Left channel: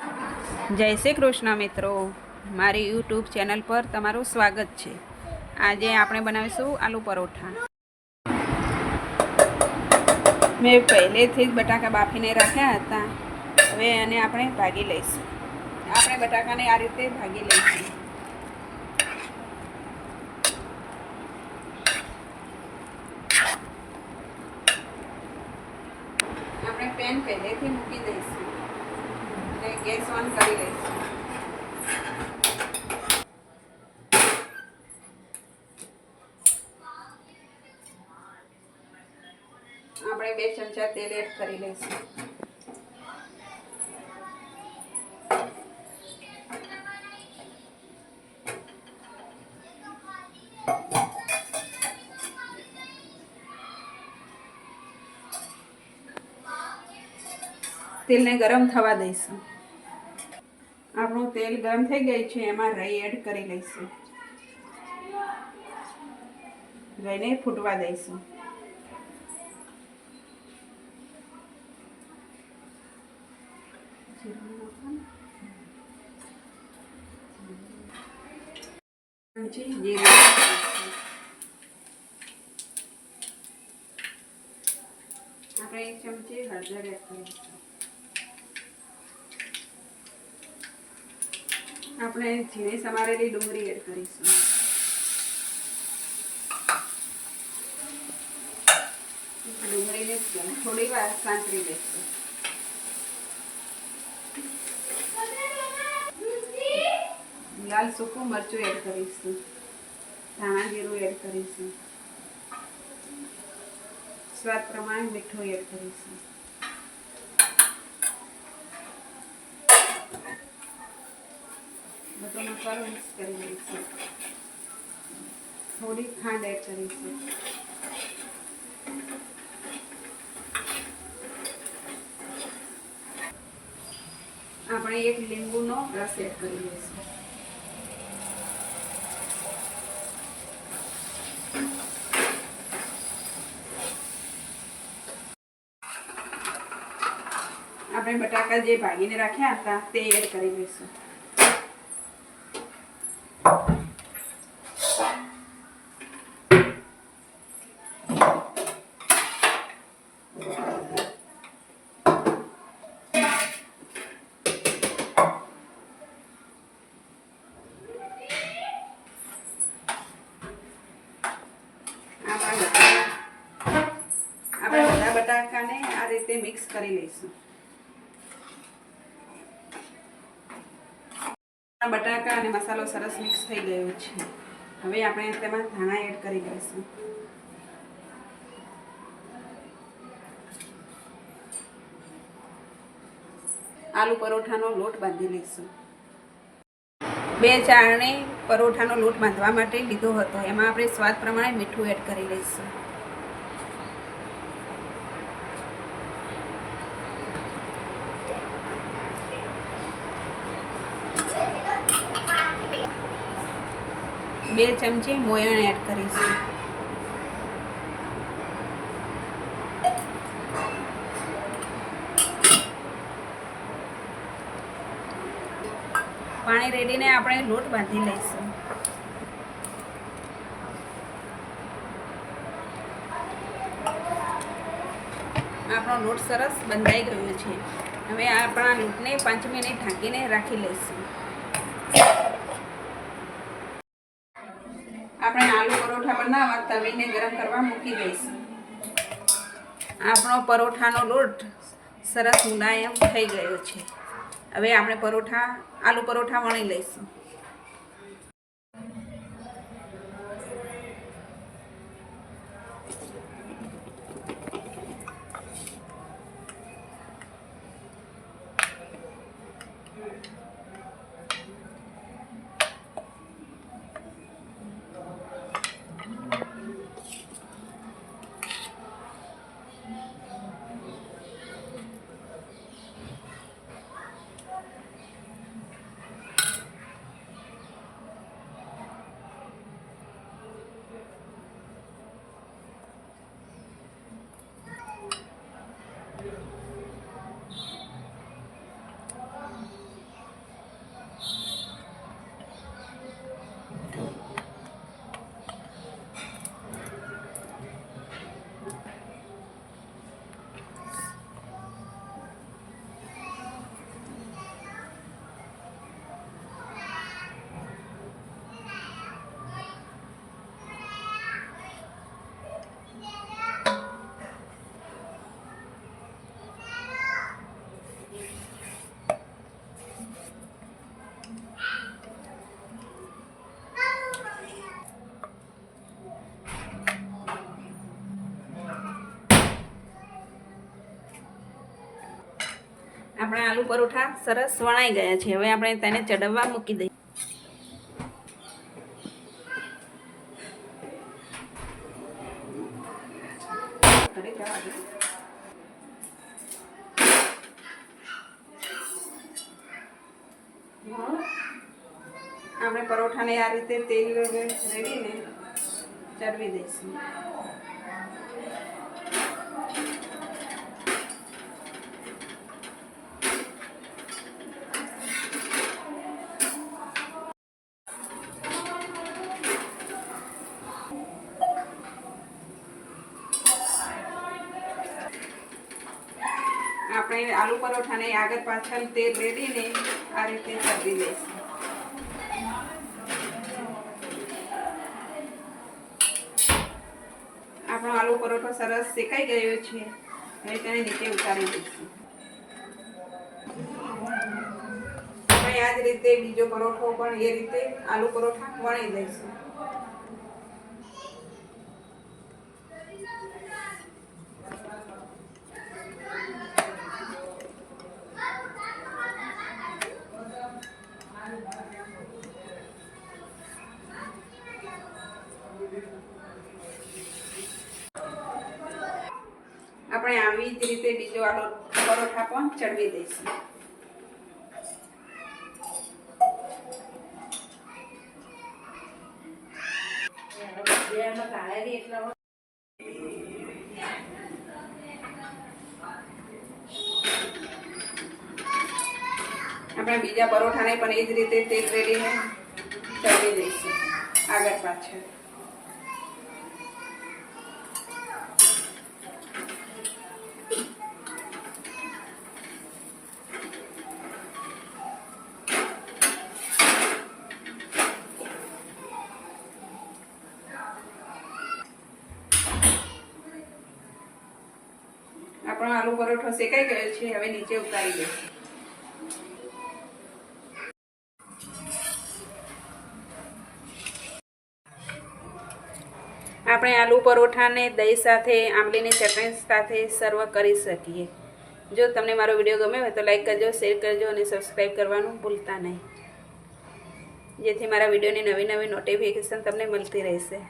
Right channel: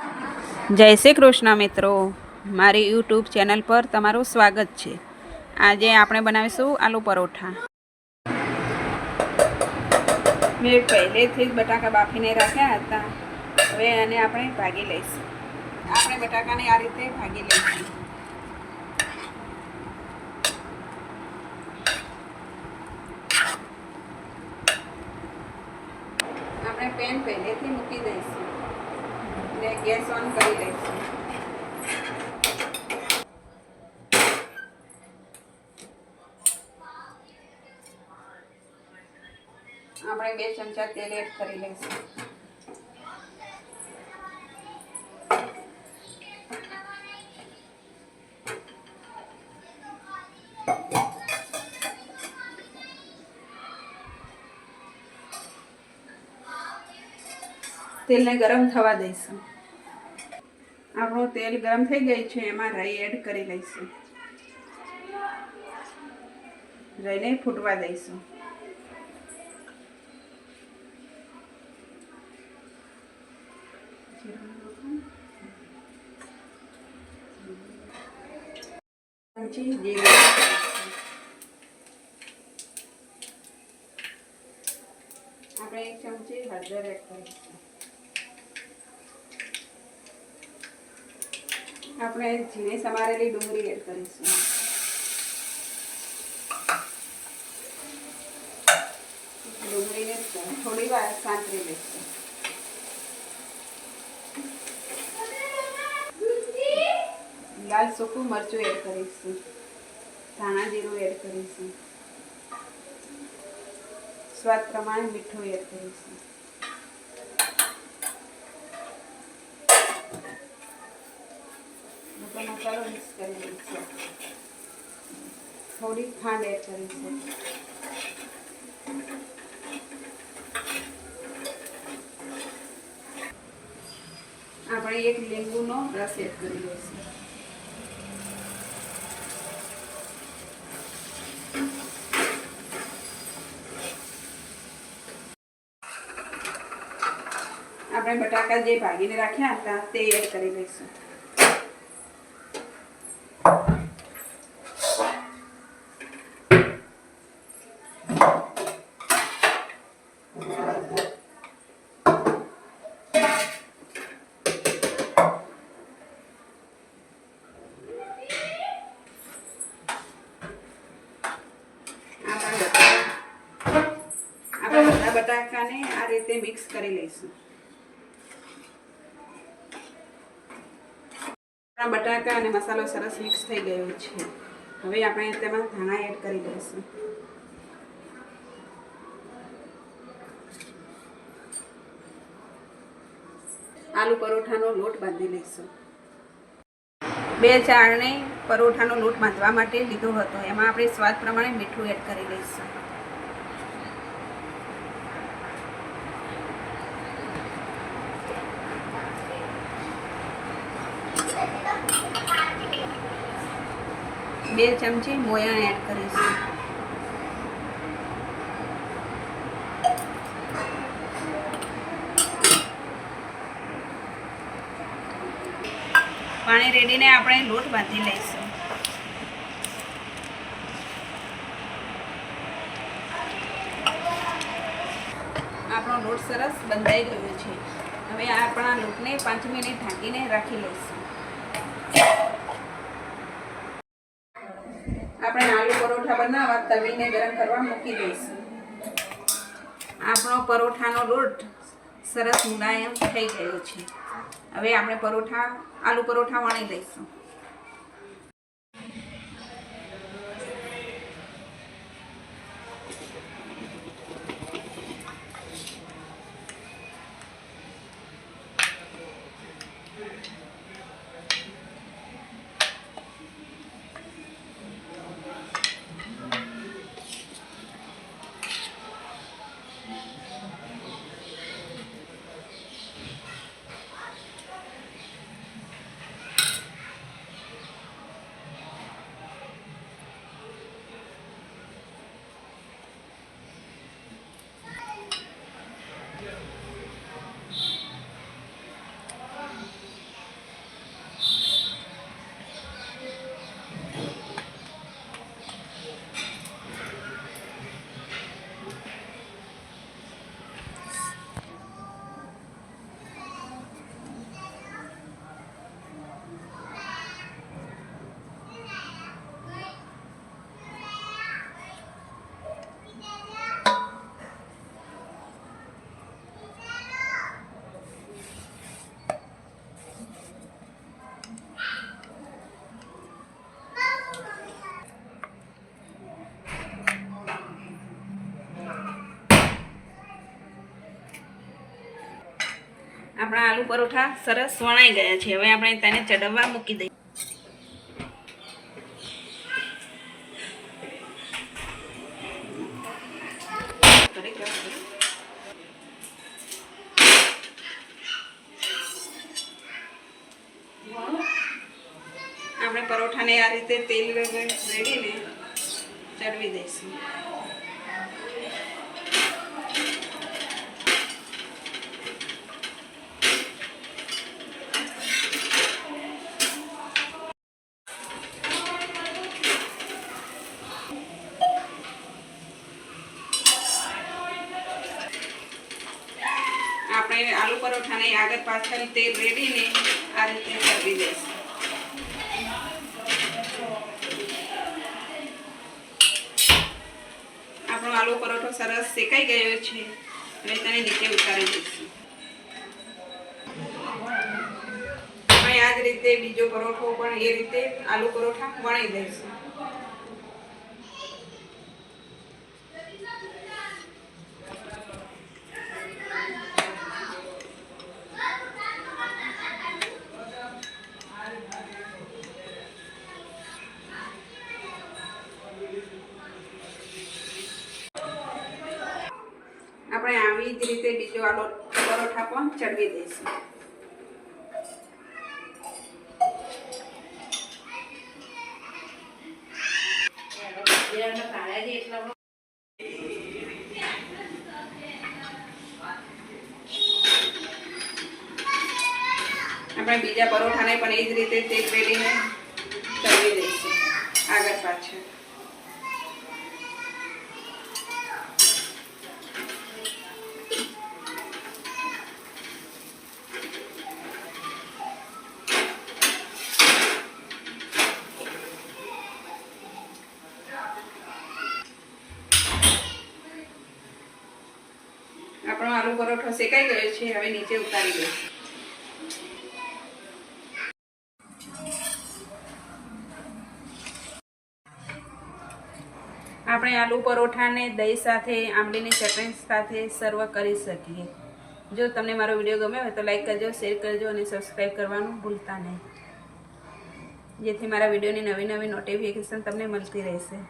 જય શ્રી કૃષ્ણ મિત્રો, મારી યુટ્યુબ ચેનલ પર તમારું સ્વાગત છે। આજે આપણે બનાવીશું આલુ પરોઠા। મેં પહેલેથી જ બટાકા બાફીને રાખ્યા હતા। હવે એને આપણે ભાગી લઈશું। આપણે બટાકાને આ રીતે ભાગી લઈશું। આપણે પેન પહેલેથી મૂકી દઈશું અને ગેસ ઓન કરી લઈશું। આપણે 2 ચમચા તેલ એડ કરી લઈશું। તેલને ગરમ થવા દઈશું। આપણું તેલ ગરમ થઈ ગયું છે, એમાં રાઈ એડ કરી લઈશું। રાઈને ફૂટવા દઈશું। જીરું આપણે 1 ચમચી હળદર એડ કરીશું। આપણે ઝીણી સમારેલી ડુંગળી એડ કરીશું। ડુંગળીને થોડી વાર સાંતળી લઈશું। લાલ સૂકું મરચું એડ કરીશું। ધાણા જીરું એડ કરીશું। સ્વાદ પ્રમાણે મીઠું એડ કરીશું। બધો મસાલો મિક્સ કરી દઈશું। થોડી ખાંડ એડ કરીશું। આપણે 1 લીંબુનો રસ એડ કરી દઈશું। આપણે બટાકા જે ભાગીને રાખ્યા હતા તે એડ કરી દઈશું। આપણે બધા બટાકાને આ રીતે મિક્સ કરી લઈશું। બટાકા અને મસાલો સરસ મિક્સ થઈ ગયો છે। હવે આપણે તેમાં ધાણા એડ કરી દઈશું। આલુ પરોઠાનો લોટ બાંધી લઈશું। 2 ચાળણી પરોઠાનો લોટ બાંધવા માટે લીધો હતો, એમાં આપણે સ્વાદ પ્રમાણે મીઠું એડ કરી લઈશું। બે ચમચી મોયણ એડ કરીશું। પાણી રેડીને આપણે લોટ બાંધી લઈશું। આપણો લોટ સરસ બંધાઈ ગયો છે। હવે આપણા લોટને 5 મિનિટ ઢાંકીને રાખી લઈશું। આપણે આલુ પરોઠા બનાવવા તવીને ગરમ કરવા મૂકી દઈશું। આપણો પરોઠાનો લોટ સરસ મુલાયમ થઈ ગયો છે। હવે આપણે આલુ પરોઠા વણી લઈશું। આપણા આલુ પરોઠા સરસ વણાઈ ગયા છે. હવે આપણે તેને ચડવવા મૂકી દઈએ. આપણે પરોઠાને આ રીતે તેલ રેડીને ચડવી દઈશું. આપણે આલુ પરોઠાને આગળ પાછળ તેલ રેડીને આ રીતે ચડવી દઈશું. આપણો આલુ પરોઠો સરસ શેકાઈ ગયો છે. હવે તેને નીચે ઉતારી દઈશું. આપણે આ જ રીતે બીજો પરોઠો પણ એ રીતે આલુ પરોઠા વણી દઈશું. આપણે આવી જ રીતે બીજો આલુ પરોઠા પણ ચડવી દઈશું. આપણે બીજા પરોઠાને પણ એ જ રીતે તેલ રેડીને ચડવી દઈશું આગળ પાછળ. આપણો આલુ પરોઠો શેકાઈ ગયો છે. હવે નીચે ઉતારી દઈશું. આપણે આલુ પરોઠાને દહીં સાથે, આંબલીની ચટણી સાથે સર્વ કરી શકીએ. જો તમને મારો વિડીયો ગમ્યો હોય તો લાઈક કરજો, શેર કરજો અને સબસ્ક્રાઈબ કરવાનું ભૂલતા નહીં, જેથી મારા વિડીયોની નવી નવી નોટિફિકેશન તમને મળતી રહેશે.